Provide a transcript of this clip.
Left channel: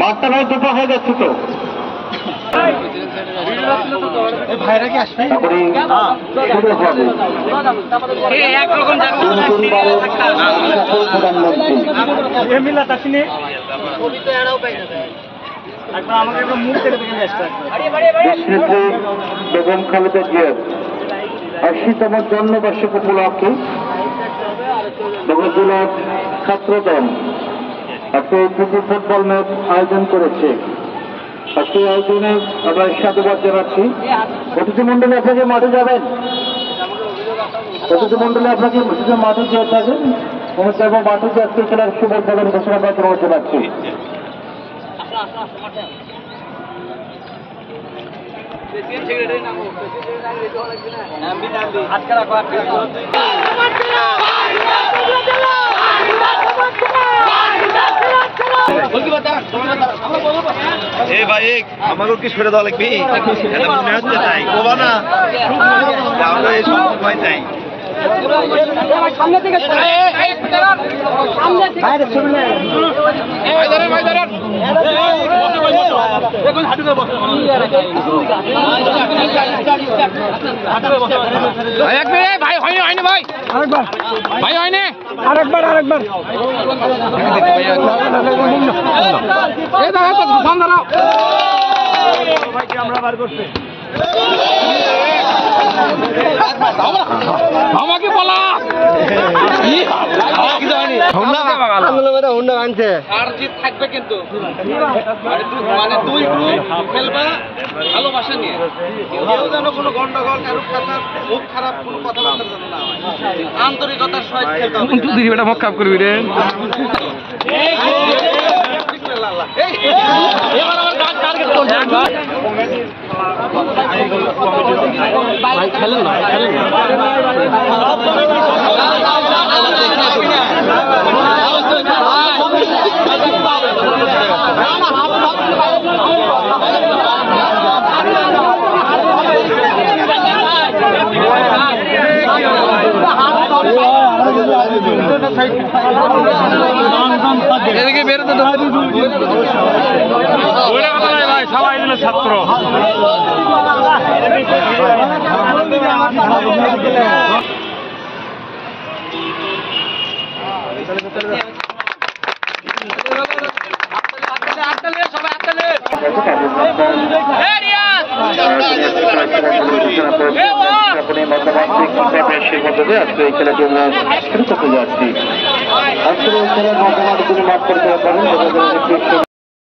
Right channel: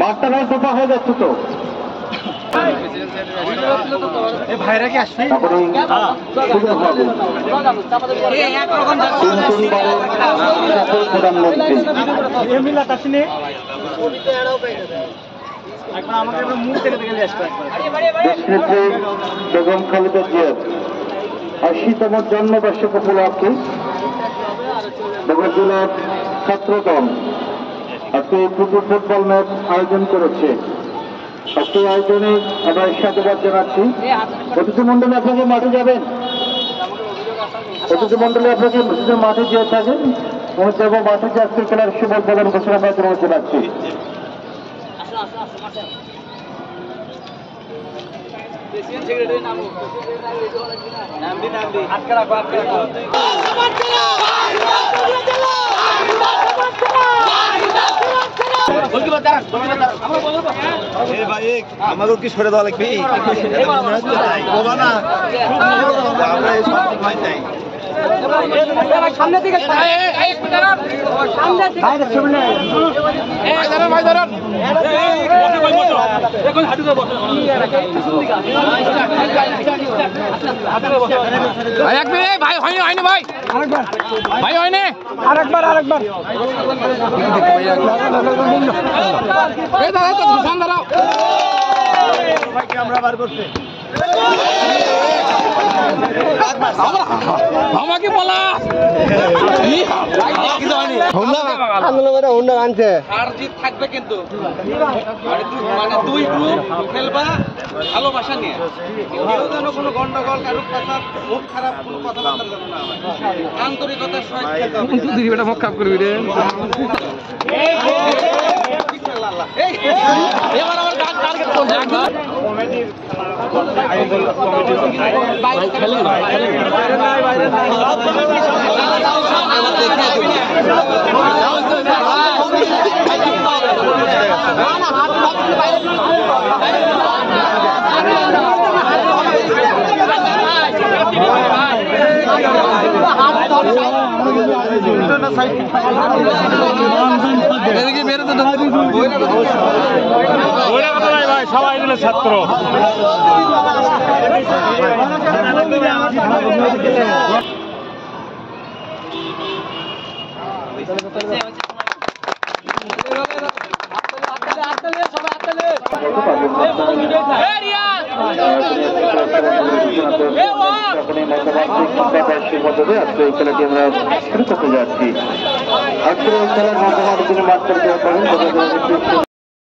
মাঠটা ভাই দোপা হয়ে যাচ্ছে তো ভাইরা কি আসছে বেগম খালেদা জিয়ার ৮০তম জন্মবার্ষিকী উপলক্ষে বগুড়া জেলার ছাত্রদল আজকে ফুটবল ম্যাচ আয়োজন করেছে। আজকে আয়োজনে আমরা সাধুবাদ জানাচ্ছি। অতিথি মন্ডলী আপনাকে মাঠে যাবেন, অতিথি মন্ডলী আপনাকে মাঠে যেয়ে থাকেন এবং মাঠে যে আজকে খেলার শুভোদ্বোধন ঘোষণা আমরা জানাচ্ছি। আমাকে কি ছেড়ে দেওয়া লাগবে সামনে থেকে ভাই হয়নি হয়নি ভাই ভাই হয়নি আরেকবার আমরা বার করছি আমাকে বলা থাকবে কিন্তু মানে দুই গ্রুপ খেলবা ভালোবাসা নিয়ে, কেউ যেন কোনো গন্ডগোল কারুর কথা মুখ খারাপ কোনো কথাবার্তা যেন না হয়, আন্তরিকতার সহিত খেলতে হবে। মুখ খারাপ করবি রে এবার আমার টার্গেট চলছে সবাই মিলে ছাত্র আজকে এই খেলাটি আমরা শুরু করতে যাচ্ছি। আজকের এই খেলা মাঠ করতে পারেন।